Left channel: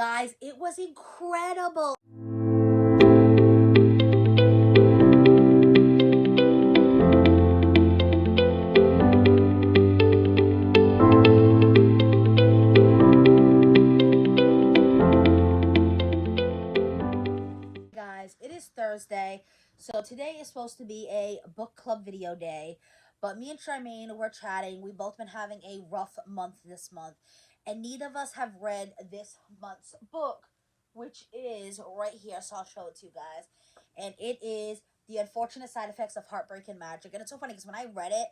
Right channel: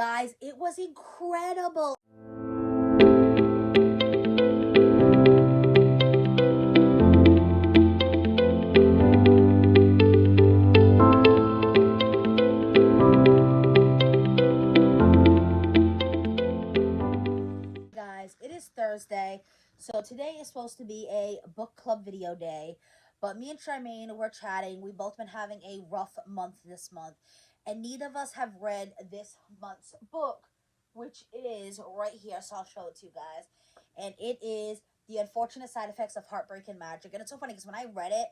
Guys, it was incredible. Guys, it is Thursday, so today is supposed to be a book club video day, but me and Charmaine were chatting. We've both been having a rough month this month, and neither of us have read this month's book, which is right here, so I'll show it to you guys. And it is The Unfortunate Side Effects of Heartbreak and Magic. And it's so funny because when I read it,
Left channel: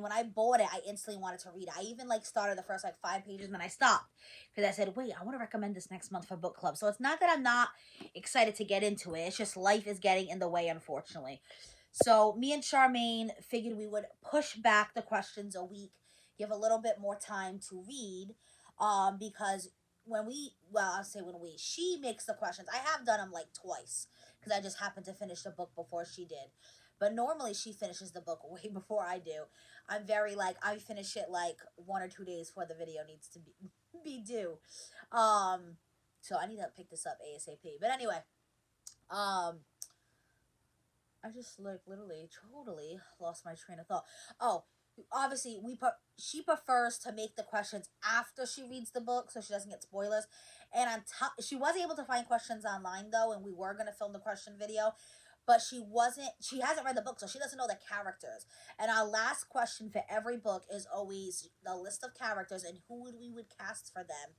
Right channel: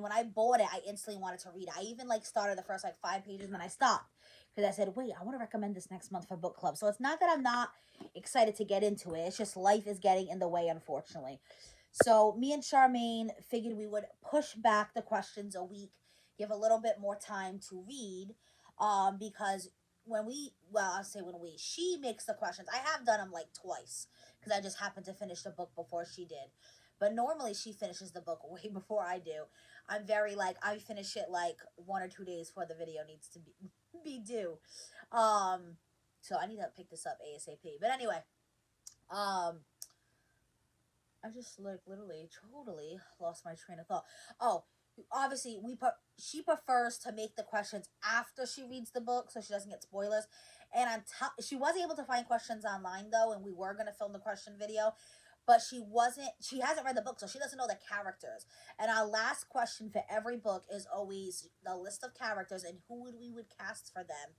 when I bought it, I instantly wanted to read it. I even started the first 5 pages and then I stopped because I said, wait, I want to recommend this next month for book club. So it's not that I'm not excited to get into it. It's just life is getting in the way, unfortunately. So me and Charmaine figured we would push back the questions a week, give a little bit more time to read, because she makes the questions. I have done them twice because I just happened to finish the book before she did. But normally she finishes the book way before I do. I'm very I finish it 1 or 2 days before the video needs to be due. So I need to pick this up ASAP. But anyway, I just literally totally lost my train of thought. Oh, obviously she prefers to make the questions after she reads the book so she doesn't get spoilers. And on top, she was able to find questions online though, and we were gonna film the question video, but she hasn't read the book, so she doesn't know the characters. And our last question for every book is always the list of characters and who we would cast for them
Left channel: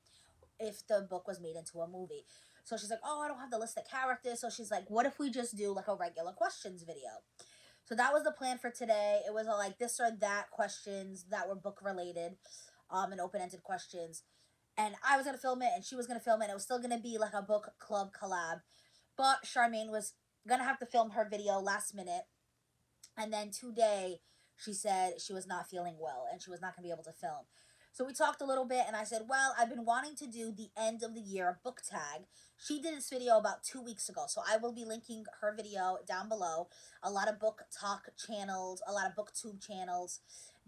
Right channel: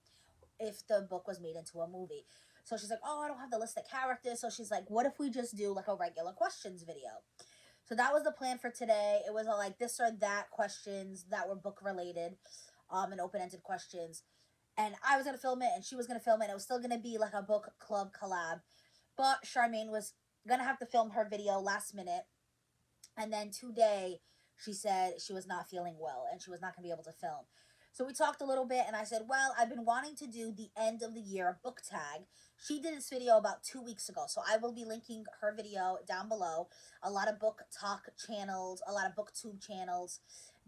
if the book was made into a movie. So she's like, oh, I don't have the list of characters. So she's like, what if we just do a regular questions video? So that was the plan for today. It was this or that questions that were book related, and open-ended questions. And I was going to film it and she was going to film it. And it was still going to be a book club collab. But Charmaine was going to have to film her video last minute. And then today she said she was not feeling well and she was not going to be able to film. So we talked a little bit and I said, well, I've been wanting to do the end of the year book tag. She did this video about 2 weeks ago, so I will be linking her video down below. A lot of book talk channels, a lot of booktube channels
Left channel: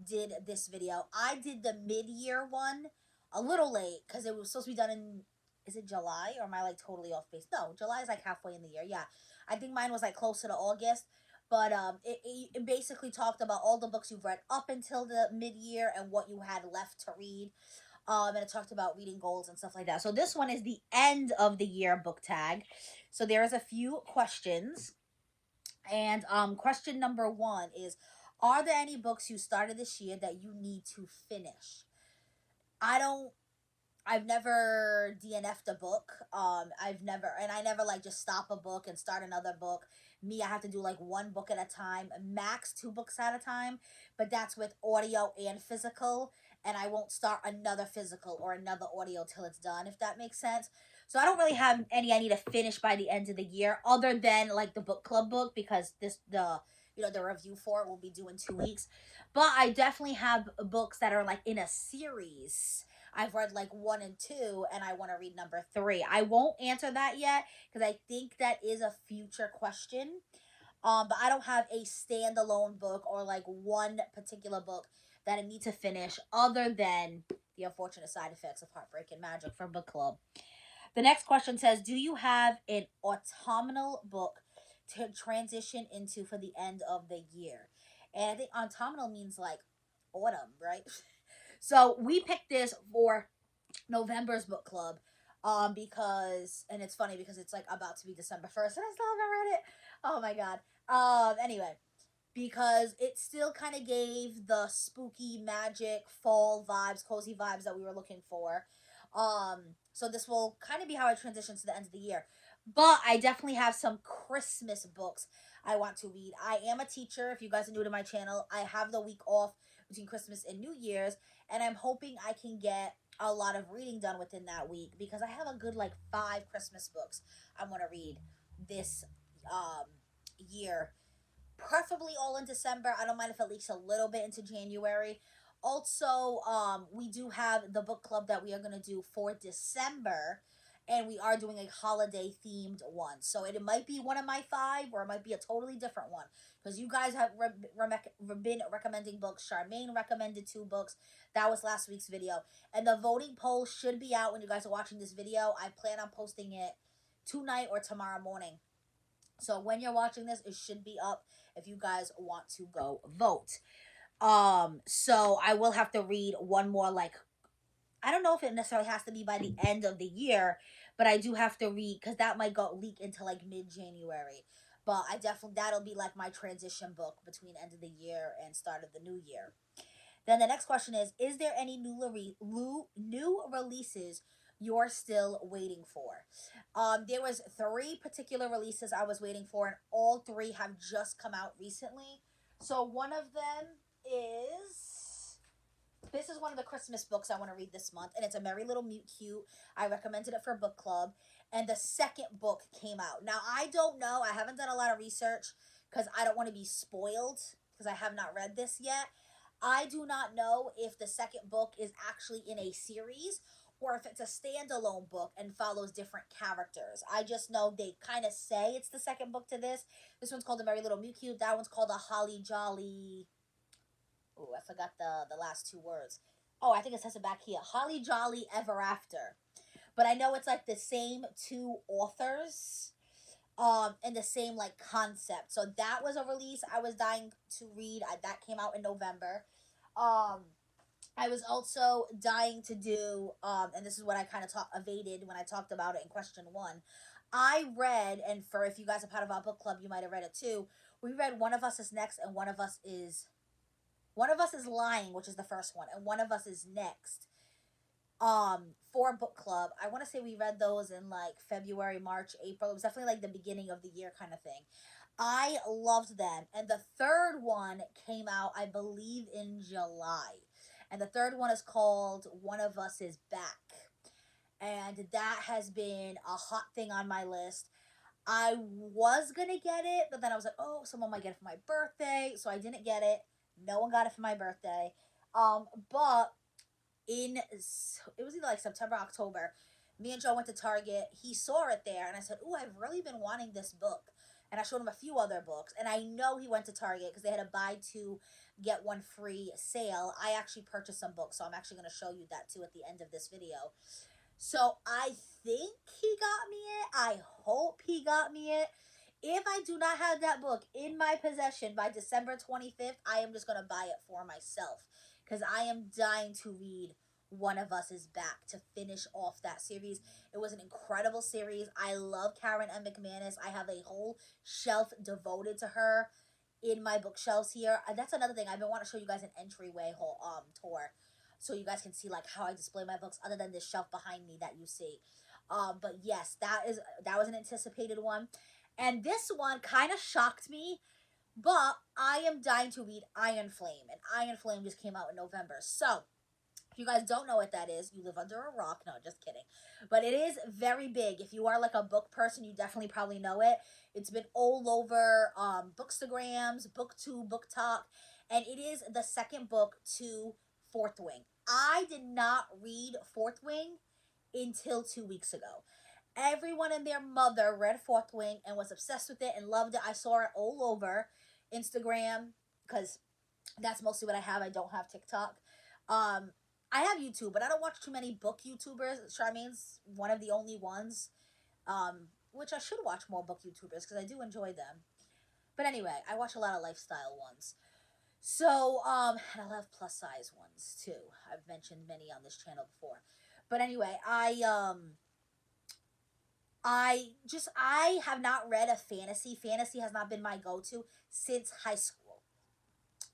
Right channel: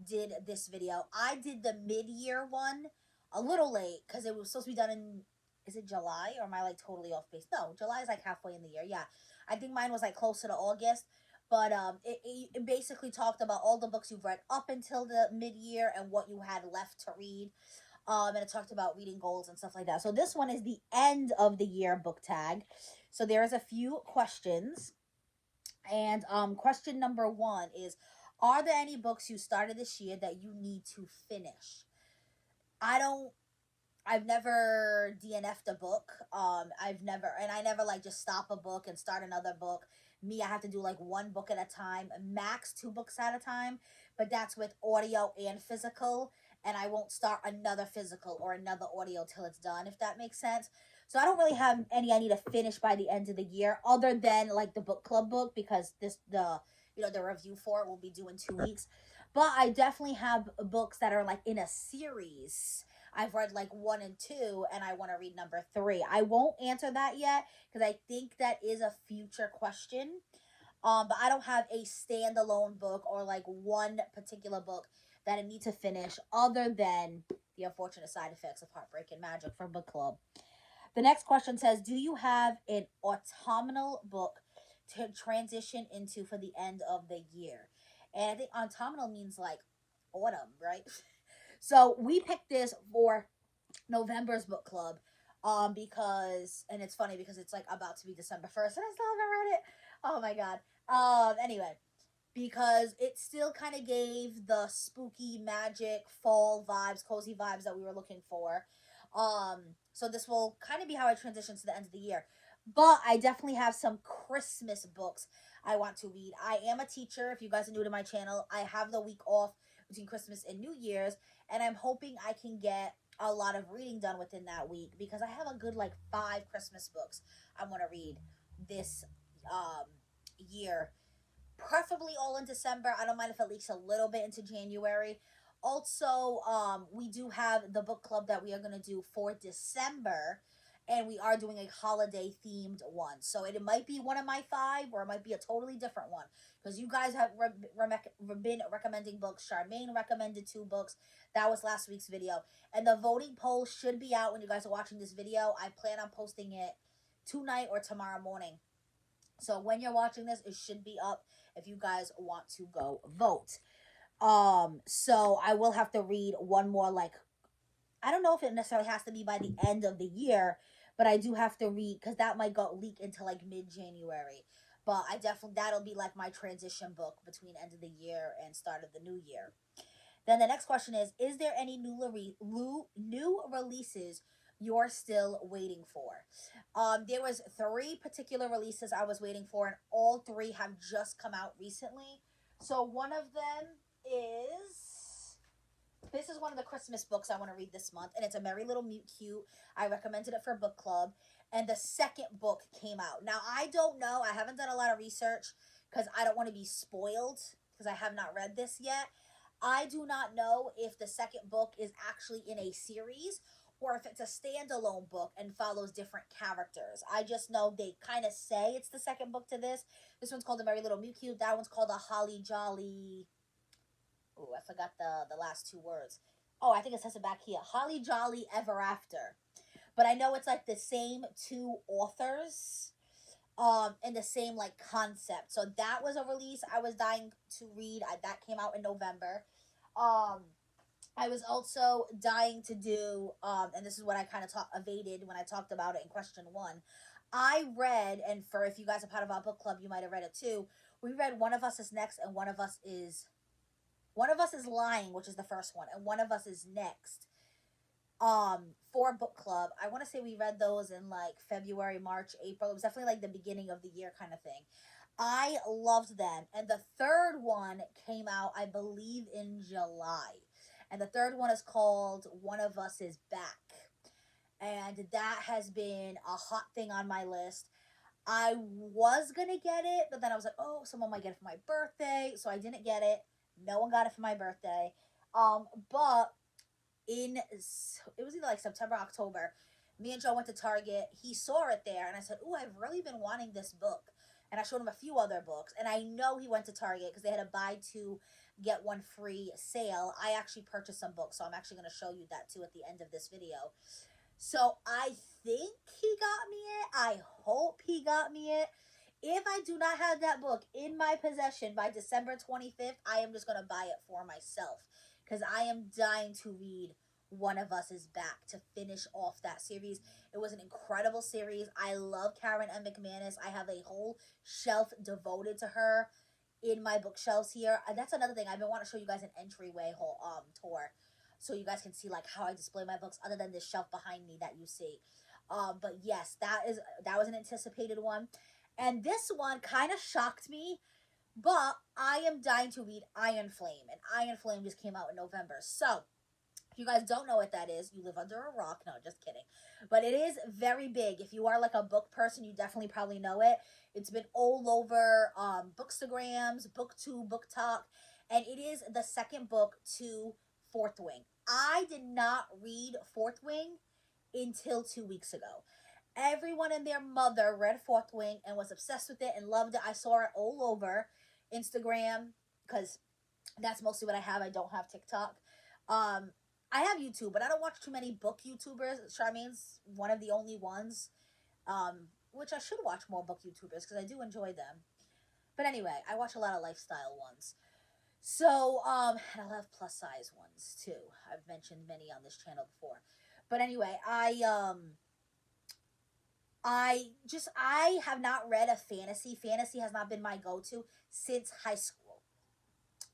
did this video. I did the mid-year one a little late because it was supposed to be done in, is it July or am I totally off base? No, July is halfway in the year. Yeah, I think mine was closer to August. But it basically talked about all the books you've read up until the mid-year and what you had left to read. And it talked about reading goals and stuff like that. So this one is the end of the year book tag. So there's a few questions. And question number 1 is, are there any books you started this year that you need to finish? I've never DNF'd a book. I never just stop a book and start another book. I have to do 1 book at a time, max 2 books at a time, but that's with audio and physical, and I won't start another physical or another audio till it's done, if that makes sense. So I don't really have any I need to finish by the end of the year, other than the book club book, because the review for it will be due in 2 weeks. But I definitely have books that are in a series. I've read 1 and 2, and I want to read number 3. I won't answer that yet because I think that is a future question. But I don't have a standalone book or one particular book that I need to finish other than The Unfortunate Side Effects of Heartbreak and Magic for book club. The next question says, do you have an autumnal book to transition into for the end of the year? And I think autumnal means autumn, right? So we picked this for November's book club, because, and it's funny because it's about to be December 1st and I still haven't read it. Oh my god. Anyway, because it still kind of gave the spooky magic fall vibes, cozy vibes that we were looking for. So this will kind of be how I transition to the end of the year. But I definitely have some Christmas books I want to read. I am a teacher. If you guys are new to my channel, I have the week off between Christmas and New Year's, and I'm hoping I can get a lot of reading done within that week because I have a good 5 Christmas books I want to read this year, preferably all in December. I don't mind if it leaks a little bit into January. Also, we do have the book club that we are going to do for December, and we are doing a holiday themed one. So it might be one of my 5 or it might be a totally different one. because you guys have been recommending books. Charmaine recommended 2 books. That was last week's video. And the voting poll should be out when you guys are watching this video. I plan on posting it tonight or tomorrow morning. So when you're watching this, it should be up if you guys want to go vote. So I will have to read one more, like, I don't know if it necessarily has to be by the end of the year, but I do have to read, because that might go leak into like mid-January. But I definitely, that'll be like my transition book between end of the year and start of the new year. Then the next question is there any new releases you're still waiting for? There was 3 particular releases I was waiting for, and all 3 have just come out recently. So one of them is, this is one of the Christmas books I want to read this month, and it's A Merry Little Mute Cute. I recommended it for book club, and the second book came out. Now, I don't know. I haven't done a lot of research because I don't want to be spoiled because I have not read this yet. I do not know if the second book is actually in a series or if it's a standalone book and follows different characters. I just know they kind of say it's the second book to this. This one's called A Merry Little Mute Cute. That one's called A Holly Jolly... Oh, I forgot the last 2 words. Oh, I think it says it back here. Holly Jolly Ever After. But I know it's like the same 2 authors. And the same like concept. So that was a release I was dying to read. That came out in November. I was also dying to do, and this is what I kind of evaded when I talked about it in question 1. I read, and for if you guys are part of our book club, you might have read it too. We read One of Us is Next, and One of Us is Lying, which is the first one, and One of Us is Next. For book club. I want to say we read those in like February, March, April. It was definitely like the beginning of the year kind of thing. I loved them. And the third one came out, I believe, in July. And the third one is called One of Us is Back. And that has been a hot thing on my list. I was going to get it, but then I was like, oh, someone might get it for my birthday. So I didn't get it. No one got it for my birthday. But it was either like September, October, me and Joe went to Target. He saw it there, and I said, oh, I've really been wanting this book. And I showed him a few other books, and I know he went to Target because they had a buy 2, get 1 free sale. I actually purchased some books, so I'm actually going to show you that too at the end of this video. So I think he got me it. I hope he got me it. If I do not have that book in my possession by December 25th, I am just going to buy it for myself. Because I am dying to read One of Us is Back to finish off that series. It was an incredible series. I love Karen M. McManus. I have a whole shelf devoted to her in my bookshelves here. And that's another thing. I've been wanting to show you guys an entryway tour so you guys can see like how I display my books other than this shelf behind me that you see. But yes, that was an anticipated one. And this one kind of shocked me. But I am dying to read Iron Flame, and Iron Flame just came out in November. So, if you guys don't know what that is, you live under a rock. No, just kidding. But it is very big. If you are like a book person, you definitely probably know it. It's been all over Bookstagrams, BookTube, BookTok, and it is the second book to Fourth Wing. I did not read Fourth Wing until 2 weeks ago. Everyone and their mother read Fourth Wing and was obsessed with it and loved it. I saw it all over Instagram because that's mostly what I have. I don't have TikTok. I have YouTube, but I don't watch too many book YouTubers. Charmaine's one of the only ones, which I should watch more book YouTubers because I do enjoy them. But anyway, I watch a lot of lifestyle ones. So, and I love plus size ones too. I've mentioned many on this channel before. But anyway, I have not read a fantasy. Fantasy has not been my go-to since high school.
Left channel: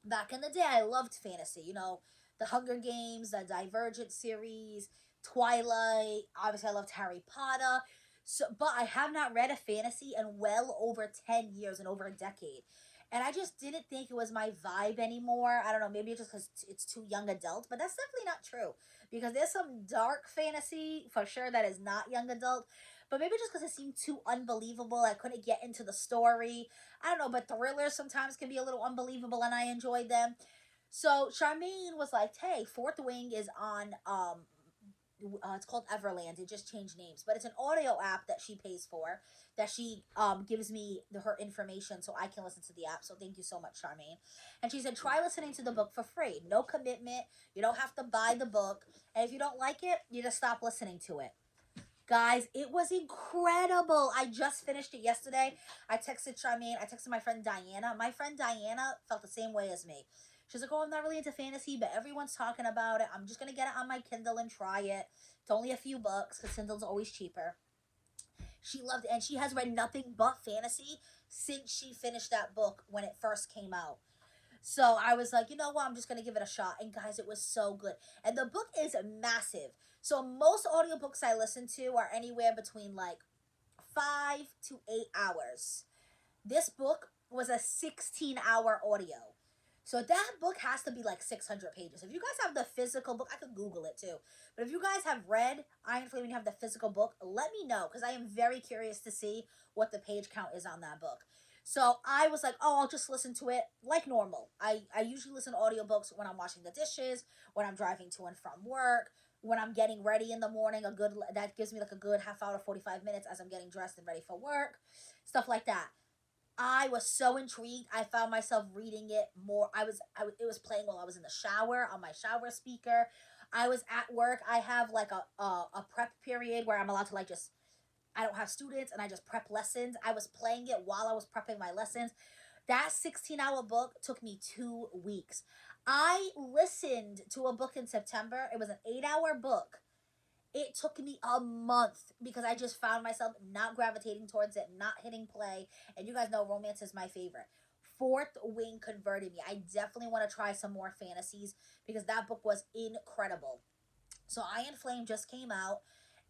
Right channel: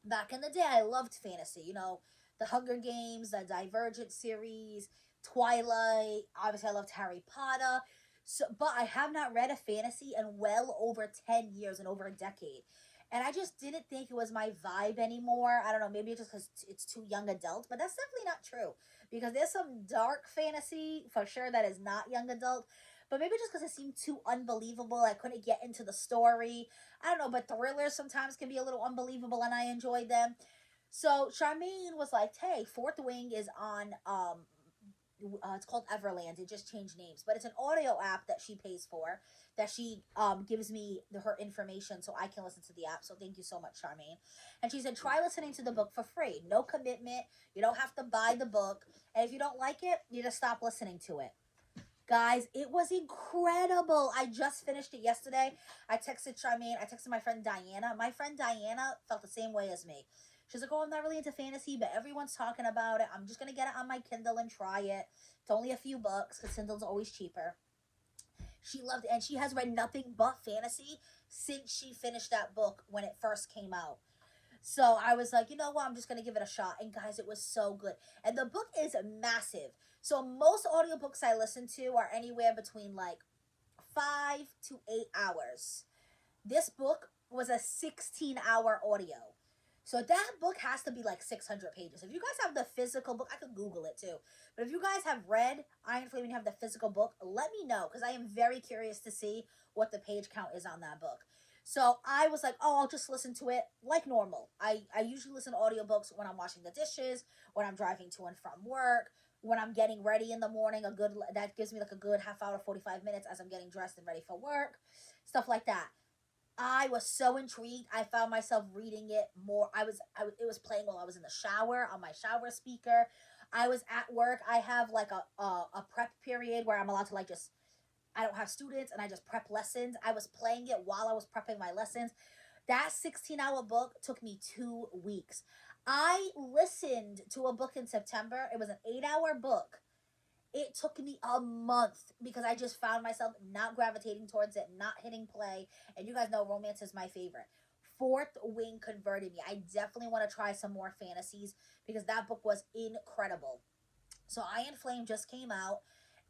Back in the day, I loved fantasy. You know, the Hunger Games, the Divergent series, Twilight. Obviously, I loved Harry Potter. So, but I have not read a fantasy in well over 10 years and over a decade. And I just didn't think it was my vibe anymore. I don't know, maybe it's just because it's too young adult. But that's definitely not true. Because there's some dark fantasy, for sure, that is not young adult. But maybe just because it seemed too unbelievable. I couldn't get into the story. I don't know, but thrillers sometimes can be a little unbelievable, and I enjoyed them. So Charmaine was like, hey, Fourth Wing is on It's called Everland. It just changed names, but it's an audio app that she pays for. That she gives me her information so I can listen to the app. So thank you so much, Charmaine. And she said, try listening to the book for free. No commitment. You don't have to buy the book. And if you don't like it, you just stop listening to it. Guys, it was incredible. I just finished it yesterday. I texted Charmaine. I texted my friend Diana. My friend Diana felt the same way as me. She's like, oh, I'm not really into fantasy, but everyone's talking about it. I'm just going to get it on my Kindle and try it. It's only a few bucks because Kindle's always cheaper. She loved it, and she has read nothing but fantasy since she finished that book when it first came out. So I was like, you know what, I'm just going to give it a shot. And guys, it was so good. And the book is massive. So most audiobooks I listen to are anywhere between like 5 to 8 hours. This book was a 16-hour audio. So that book has to be like 600 pages. If you guys have the physical book, I could Google it too. But if you guys have read Iron Flame and you have the physical book, let me know, because I am very curious to see what the page count is on that book. So I was like, oh, I'll just listen to it like normal. I usually listen to audiobooks when I'm washing the dishes, when I'm driving to and from work, when I'm getting ready in the morning. That gives me like a good half hour, 45 minutes as I'm getting dressed and ready for work, stuff like that. I was so intrigued. I found myself reading it more. It was playing while I was in the shower on my shower speaker. I was at work. I have like a prep period where I'm allowed to like just, I don't have students and I just prep lessons. I was playing it while I was prepping my lessons. That 16-hour book took me 2 weeks. I listened to a book in September. It was an 8-hour book. It took me a month because I just found myself not gravitating towards it, not hitting play. And you guys know romance is my favorite. Fourth Wing converted me. I definitely want to try some more fantasies because that book was incredible. So Iron Flame just came out.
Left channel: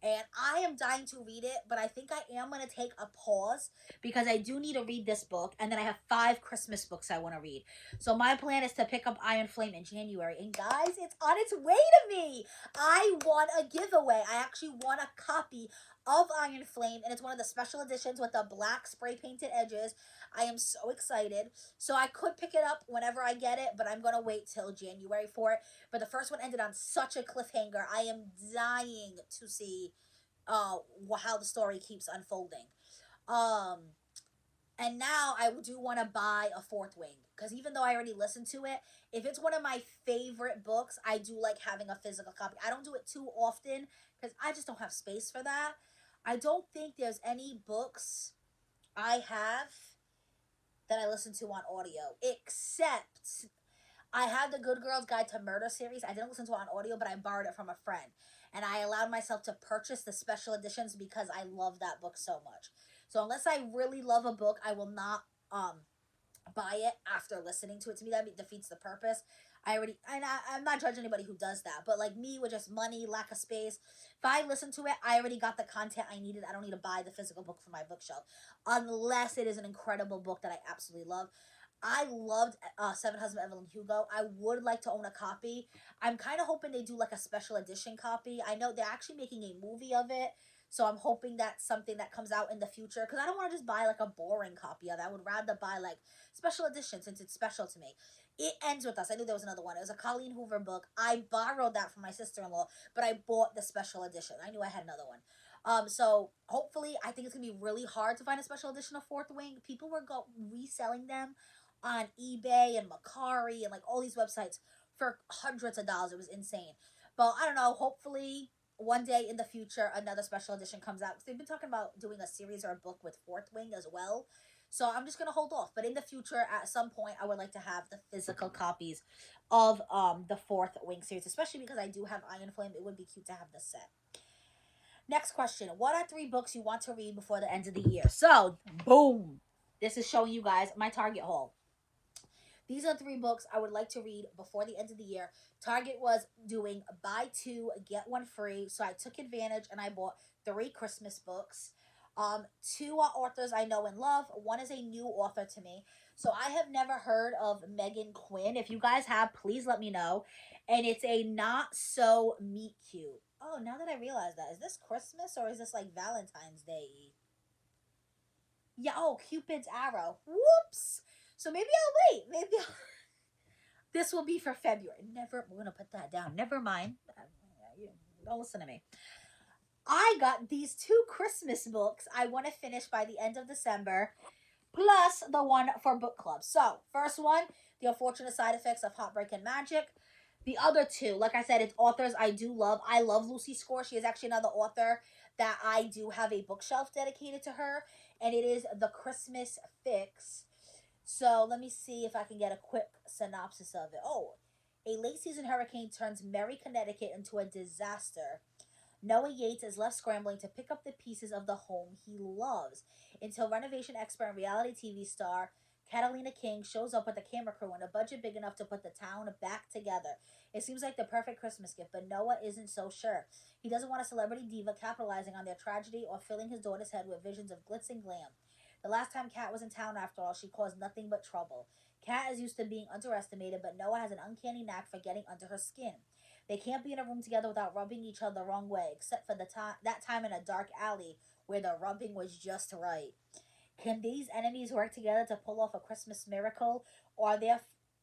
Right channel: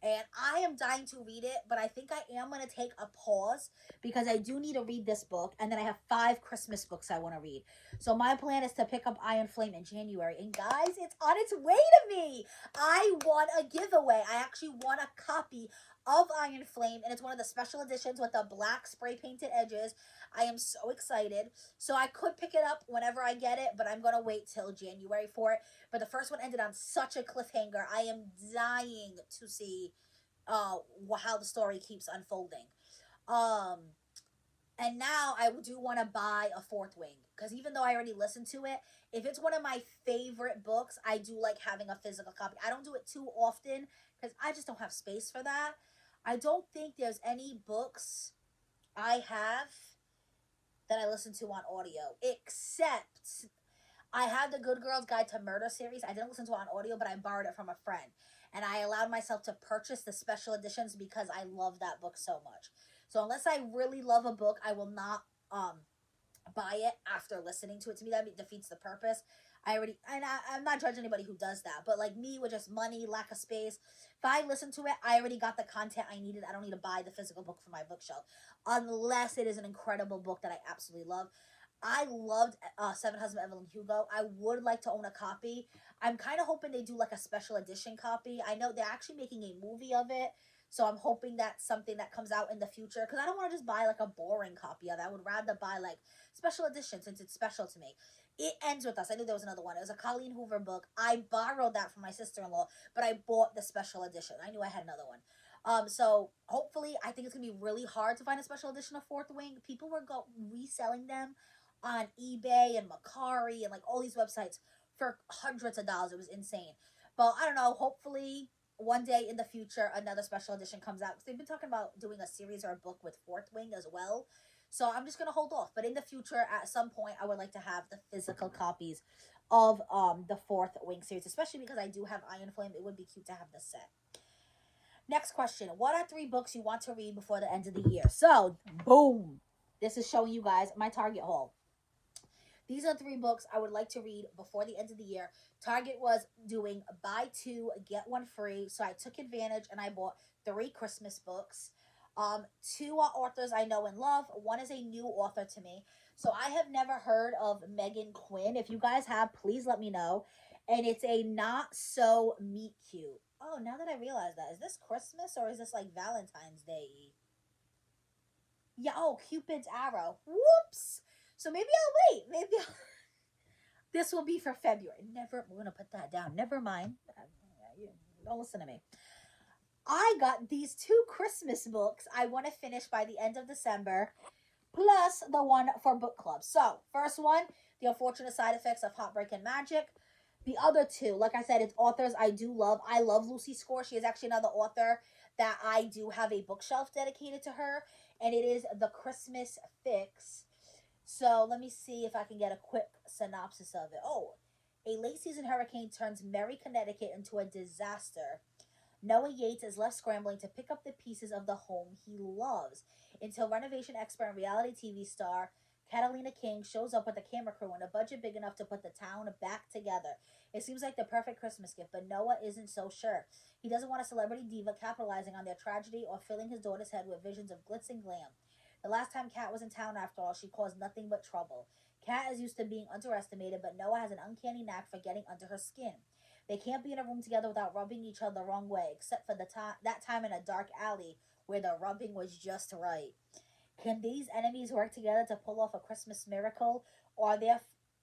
And I am dying to read it, but I think I am going to take a pause because I do need to read this book. And then I have 5 Christmas books I want to read. So my plan is to pick up Iron Flame in January. And guys, it's on its way to me. I won a giveaway. I actually won a copy of Iron Flame. And it's one of the special editions with the black spray painted edges. I am so excited. So I could pick it up whenever I get it, but I'm going to wait till January for it. But the first one ended on such a cliffhanger. I am dying to see how the story keeps unfolding. And now I do want to buy a Fourth Wing. Because even though I already listened to it, if it's one of my favorite books, I do like having a physical copy. I don't do it too often because I just don't have space for that. I don't think there's any books I have that I listen to on audio, except I have the Good Girls Guide to Murder series. I didn't listen to it on audio, but I borrowed it from a friend. And I allowed myself to purchase the special editions because I love that book so much. So unless I really love a book, I will not buy it after listening to it. To me, that defeats the purpose. I'm not judging anybody who does that, but like me with just money, lack of space, if I listen to it, I already got the content I needed. I don't need to buy the physical book for my bookshelf, unless it is an incredible book that I absolutely love. I loved Seven Husbands of Evelyn Hugo. I would like to own a copy. I'm kind of hoping they do like a special edition copy. I know they're actually making a movie of it, so I'm hoping that's something that comes out in the future, because I don't want to just buy like a boring copy of it. I would rather buy like special edition since it's special to me. It Ends With Us. I knew there was another one. It was a Colleen Hoover book. I borrowed that from my sister-in-law, but I bought the special edition. I knew I had another one. So hopefully, I think it's going to be really hard to find a special edition of Fourth Wing. People were reselling them on eBay and Mercari and like all these websites for hundreds of dollars. It was insane. But I don't know. Hopefully, one day in the future, another special edition comes out. Because they've been talking about doing a series or a book with Fourth Wing as well. So I'm just going to hold off. But in the future, at some point, I would like to have the physical copies of the Fourth Wing series. Especially because I do have Iron Flame. It would be cute to have this set. Next question. What are 3 books you want to read before the end of the year? So, boom. This is showing you guys my Target haul. These are 3 books I would like to read before the end of the year. Target was doing buy 2, get 1 free. So I took advantage and I bought 3 Christmas books. 2 are authors I know and love. 1 is a new author to me. So I have never heard of Megan Quinn. If you guys have, please let me know. And it's a not so meet cute. Oh, now that I realize that, is this Christmas or is this like Valentine's Day? Yeah, oh, Cupid's Arrow. Whoops. So maybe I'll wait. This will be for February. We're going to put that down. Never mind. Don't listen to me. I got these 2 Christmas books I want to finish by the end of December, plus the one for book club. So, first one, The Unfortunate Side Effects of Heartbreak and Magic. The other two, like I said, it's authors I do love. I love Lucy Score. She is actually another author that I do have a bookshelf dedicated to her, and it is The Christmas Fix. So let me see if I can get a quick synopsis of it. Oh, a late season hurricane turns Merry, Connecticut into a disaster. Noah Yates is left scrambling to pick up the pieces of the home he loves until renovation expert and reality TV star Catalina King shows up with a camera crew and a budget big enough to put the town back together. It seems like the perfect Christmas gift, but Noah isn't so sure. He doesn't want a celebrity diva capitalizing on their tragedy or filling his daughter's head with visions of glitz and glam. The last time Kat was in town, after all, she caused nothing but trouble. Kat is used to being underestimated, but Noah has an uncanny knack for getting under her skin. They can't be in a room together without rubbing each other the wrong way, except for that time in a dark alley where the rubbing was just right. Can these enemies work together to pull off a Christmas miracle, or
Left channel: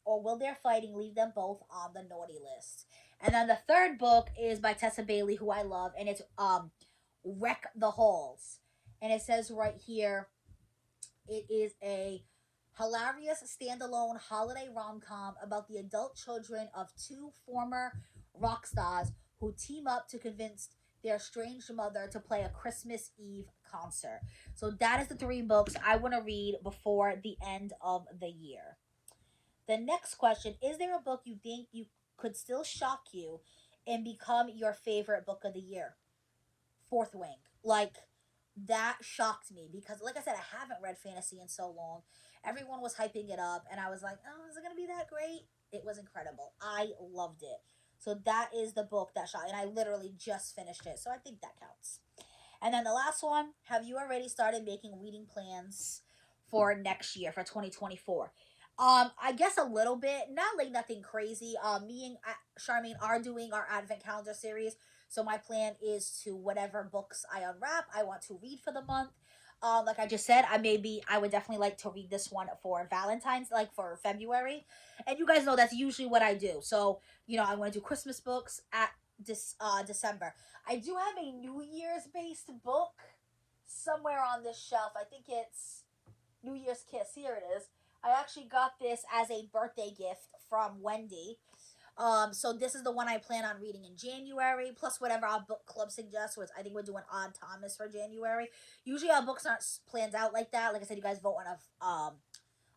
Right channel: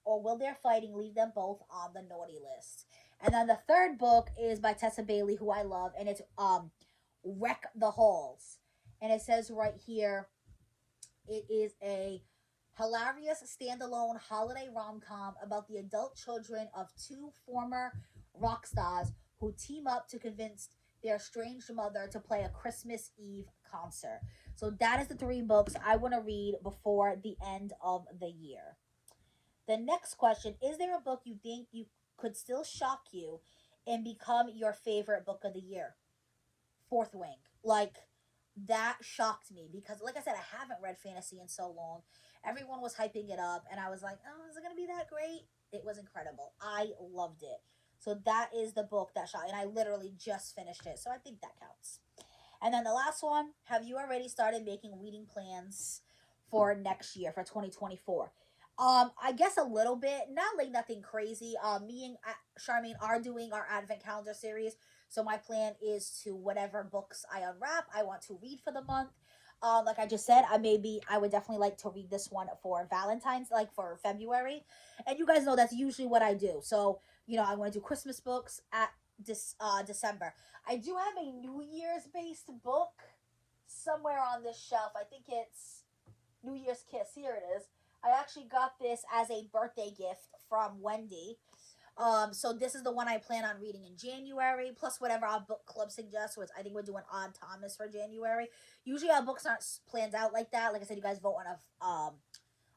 will their fighting leave them both on the naughty list? And then the third book is by Tessa Bailey, who I love, and it's Wreck the Halls. And it says right here, it is a hilarious standalone holiday rom-com about the adult children of 2 former rock stars who team up to convince their estranged mother to play a Christmas Eve concert. So that is the 3 books I want to read before the end of the year. The next question, is there a book you think you could still shock you and become your favorite book of the year? Fourth Wing. Like, that shocked me because, like I said, I haven't read fantasy in so long. Everyone was hyping it up, and I was like, oh, is it going to be that great? It was incredible. I loved it. So that is the book that shocked, and I literally just finished it, so I think that counts. And then the last one, have you already started making reading plans for next year, for 2024? I guess a little bit, not like nothing crazy. Me and Charmaine are doing our Advent Calendar series, so my plan is to, whatever books I unwrap, I want to read for the month. Like I just said, I would definitely like to read this one for Valentine's, like for February. And you guys know that's usually what I do. So, I'm going to do Christmas books at December. I do have a New Year's based book somewhere on this shelf. I think it's New Year's Kiss. Here it is. I actually got this as a birthday gift from Wendy. So this is the one I plan on reading in January, plus whatever our book club suggests, which I think we're doing Odd Thomas for January. Usually our books aren't planned out like that. Like I said, you guys vote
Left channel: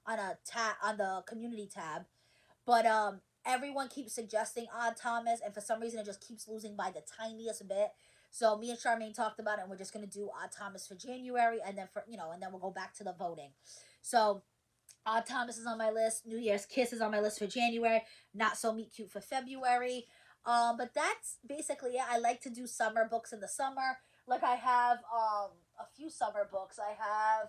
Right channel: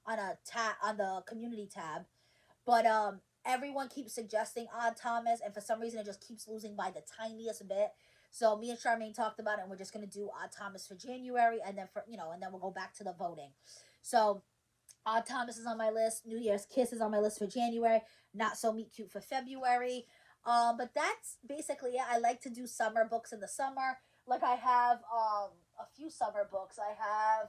on the community tab. But everyone keeps suggesting Odd Thomas, and for some reason it just keeps losing by the tiniest bit. So me and Charmaine talked about it, and we're just gonna do Odd Thomas for January, and then and then we'll go back to the voting. So Odd Thomas is on my list. New Year's Kiss is on my list for January. Not So Meet Cute for February. But that's basically it. I like to do summer books in the summer. Like I have a few summer books. I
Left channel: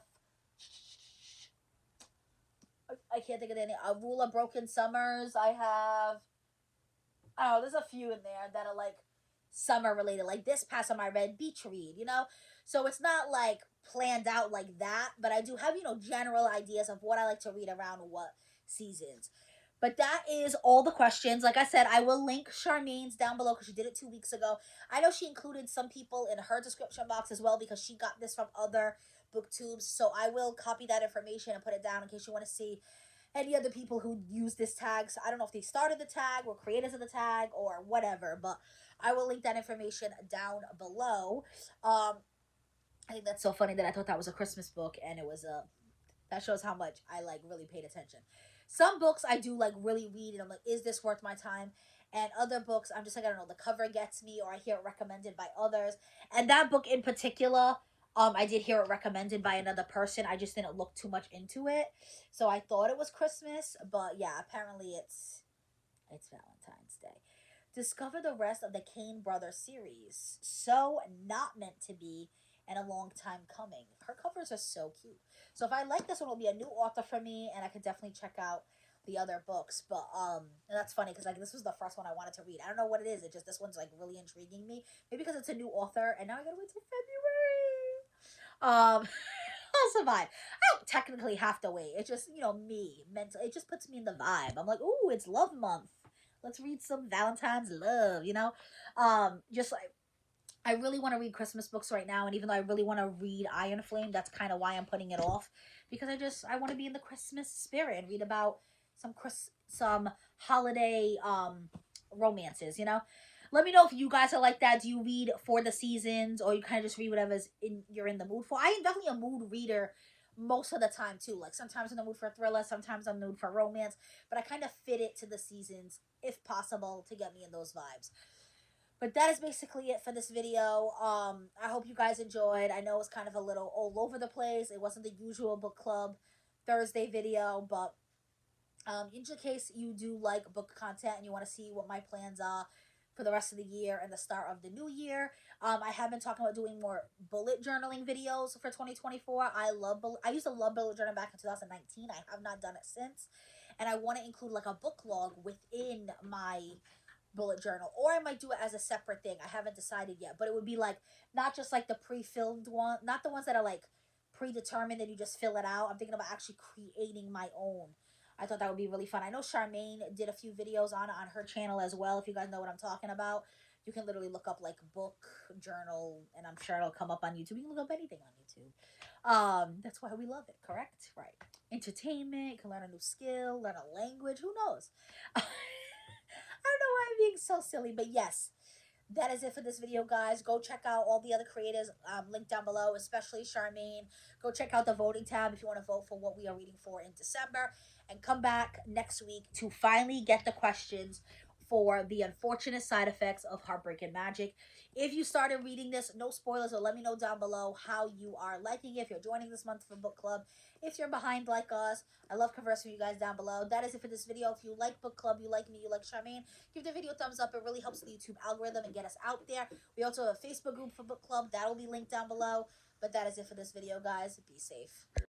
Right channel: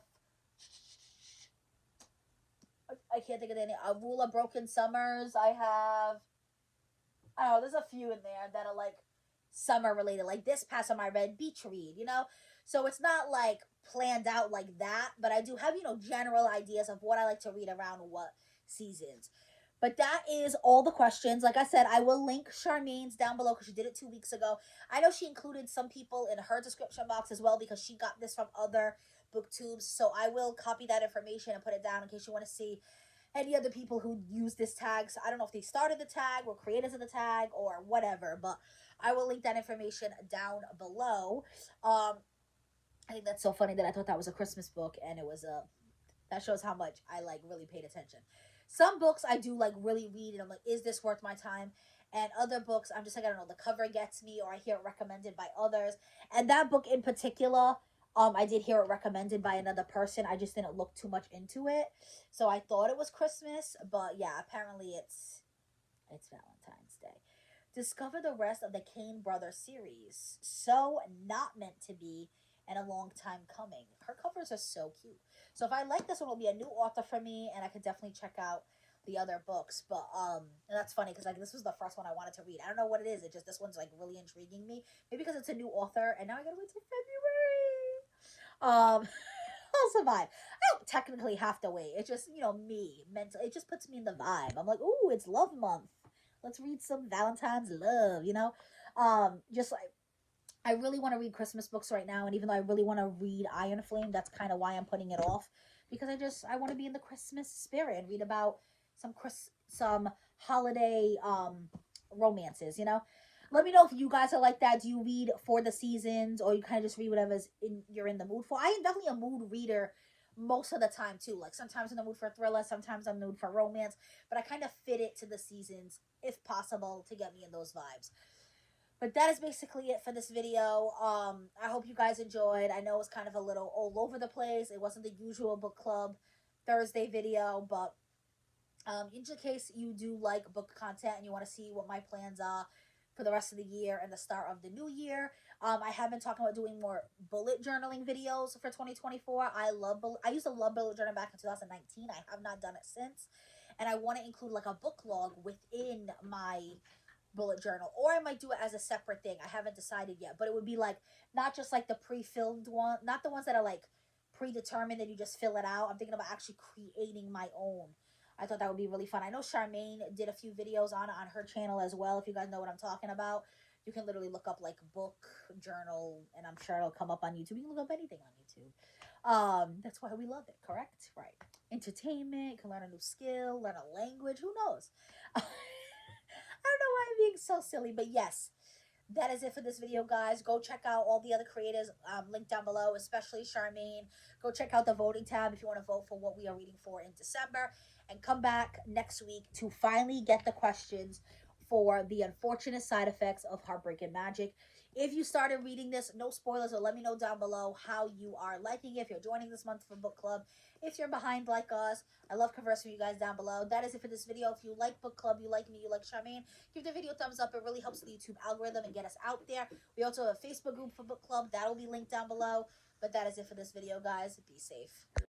can't think of any. A Rule of Broken Summers. I don't know, there's a few in there that are like summer related. Like this past summer I read Beach Read, So it's not like planned out like that, but I do have, general ideas of what I like to read around what seasons. But that is all the questions. Like I said, I will link Charmaine's down below because she did it 2 weeks ago. I know she included some people in her description box as well because she got this from other booktubes. So I will copy that information and put it down in case you want to see any other people who use this tag. So I don't know if they started the tag or creators of the tag or whatever, but I will link that information down below. I think that's so funny that I thought that was a Christmas book, and it was that shows how much I really paid attention. Some books I do really read, and I'm like, is this worth my time? And other books, I'm just like, I don't know, the cover gets me, or I hear it recommended by others. And that book in particular, I did hear it recommended by another person. I just didn't look too much into it, so I thought it was Christmas, but yeah, apparently it's Valentine's Day. Discover the rest of the Kane Brothers series. So not meant to be, and a long time coming. Her covers are so cute. So if I like this one, it'll be a new author for me, and I could definitely check out the other books. But that's funny because this was the first one I wanted to read. I don't know what it is. It just, this one's really intriguing me. Maybe because it's a new author, and now I gotta wait till February. I'll survive. I don't technically have to wait. It's just me mentally. It just puts me in the vibe. I'm like, ooh, it's love month. Let's read some Valentine's love. Just like, I really want to read Christmas books right now, and even though I really want to read Iron Flame, that's kind of why I'm putting it off, because I want to be in the Christmas spirit and read about some holiday romances, you know. Let me know if you guys are like that. Do you read for the seasons, or you kind of just read whatever's you're in the mood for? I am definitely a mood reader most of the time too. Like sometimes I'm in the mood for a thriller, sometimes I'm in the mood for romance, but I kind of fit it to the seasons if possible to get me in those vibes. But that is basically it for this video. I hope you guys enjoyed. I know it was kind of a little all over the place. It wasn't the usual book club Thursday video, but in case you do like book content and you want to see what my plans are for the rest of the year and the start of the new year, I have been talking about doing more bullet journaling videos for 2024. I used to love bullet journaling back in 2019. I have not done it since, and I want to include like a book log within my bullet journal, or I might do it as a separate thing. I haven't decided yet, but it would be like not just like the pre-filled one, not the ones that are like predetermined that you just fill it out. I'm thinking about actually creating my own. I thought that would be really fun. I know Charmaine did a few videos on her channel as well. If you guys know what I'm talking about, you can literally look up like book journal, and I'm sure it'll come up on YouTube. You can look up anything on YouTube. That's why we love it, correct? Right. Entertainment, you can learn a new skill, learn a language. Who knows? I don't know why I'm being so silly, but yes, that is it for this video, guys. Go check out all the other creators linked down below, especially Charmaine. Go check out the voting tab if you want to vote for what we are reading for in December. And come back next week to finally get the questions for the unfortunate side effects of Heartbreak and Magic. If you started reading this, no spoilers, or let me know down below how you are liking it. If you're joining this month for book club, if you're behind like us, I love conversing with you guys down below. That is it for this video. If you like book club, you like me, you like Charmaine, give the video a thumbs up. It really helps the YouTube algorithm and get us out there. We also have a Facebook group for book club. That will be linked down below. But that is it for this video, guys. Be safe.